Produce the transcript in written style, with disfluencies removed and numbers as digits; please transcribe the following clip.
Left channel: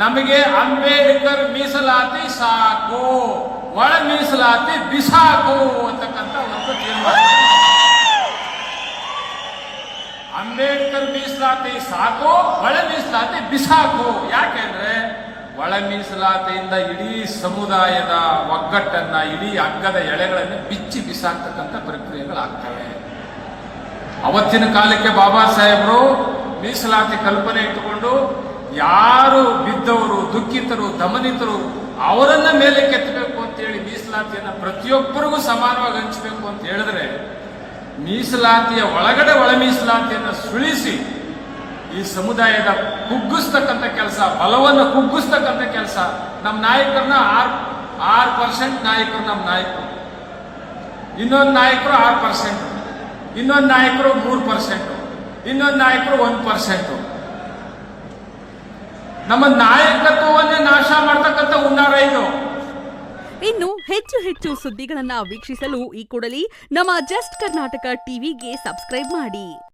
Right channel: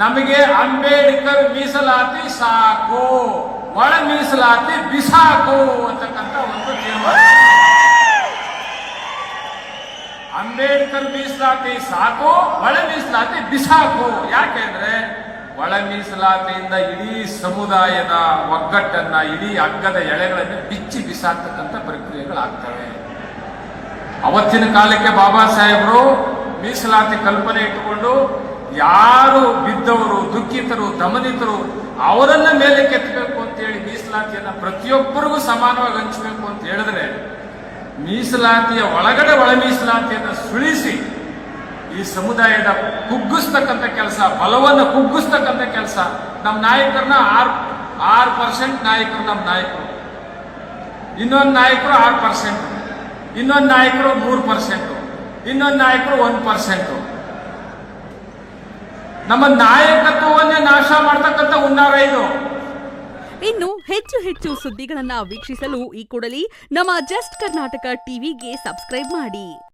ನಮಗೆ ಅಂಬೇಡ್ಕರ್ ಮೀಸಲಾತಿ ಸಾಕು, ಒಳ ಮೀಸಲಾತಿ ಬಿಸಾಕು ಅಂತಕ್ಕಂಥ ಒಂದು ತೀರ್ಮಾನ. ಅಂಬೇಡ್ಕರ್ ಮೀಸಲಾತಿ ಸಾಕು, ಒಳ ಮೀಸಲಾತಿ ಬಿಸಾಕು. ಯಾಕೆಂದ್ರೆ ಒಳ ಮೀಸಲಾತಿಯಿಂದ ಇಡೀ ಸಮುದಾಯದ ಒಗ್ಗಟ್ಟನ್ನ, ಇಡೀ ಹಗ್ಗದ ಎಳೆಗಳನ್ನು ಬಿಚ್ಚಿ ಬಿಸಾಕ್ತಕ್ಕಂಥ ಪ್ರಕ್ರಿಯೆಗಳಾಗ್ತವೆ. ಅವತ್ತಿನ ಕಾಲಕ್ಕೆ ಬಾಬಾ ಸಾಹೇಬರು ಮೀಸಲಾತಿ ಕಲ್ಪನೆ ಇಟ್ಟುಕೊಂಡು ಯಾರು ಬಿದ್ದವರು, ದುಃಖಿತರು, ದಮನಿತರು ಅವರನ್ನ ಮೇಲೆ ಕೆತ್ತಬೇಕು ಅಂತ ಹೇಳಿ ಮೀಸಲಾತಿಯನ್ನು ಪ್ರತಿಯೊಬ್ಬರಿಗೂ ಸಮಾನವಾಗಿ ಹಂಚಬೇಕು ಅಂತ ಹೇಳಿದ್ರೆ, ಮೀಸಲಾತಿಯ ಒಳಗಡೆ ಒಳ ಮೀಸಲಾತಿಯನ್ನು ಸುಳಿಸಿ ಈ ಸಮುದಾಯದ ಕುಗ್ಗಿಸ್ತಕ್ಕಂಥ ಕೆಲಸ, ಬಲವನ್ನು ಕುಗ್ಗಿಸ್ತಕ್ಕಂಥ ಕೆಲಸ ನಮ್ಮ ನಾಯಕರನ್ನ 6% ನಾಯಕರು, ನಮ್ಮ ನಾಯಕರು, ಇನ್ನೊಂದು ನಾಯಕರು 6%, ಇನ್ನೊಂದು ನಾಯಕರು 3%, ಇನ್ನೊಂದು ನಾಯಕರು 1%. ನಮ್ಮ ನಾಯಕತ್ವವನ್ನೇ ನಾಶ ಮಾಡ್ತಕ್ಕಂಥ ಹುನ್ನಾರ ಇದು. ಇನ್ನು ಹೆಚ್ಚು ಸುದ್ದಿಗಳನ್ನ ವೀಕ್ಷಿಸಲು ಈ ಕೂಡಲೇ ನಮ್ಮ ಜಸ್ಟ್ ಕರ್ನಾಟಕ ಟಿವಿಗೆ ಸಬ್ಸ್ಕ್ರೈಬ್ ಮಾಡಿ.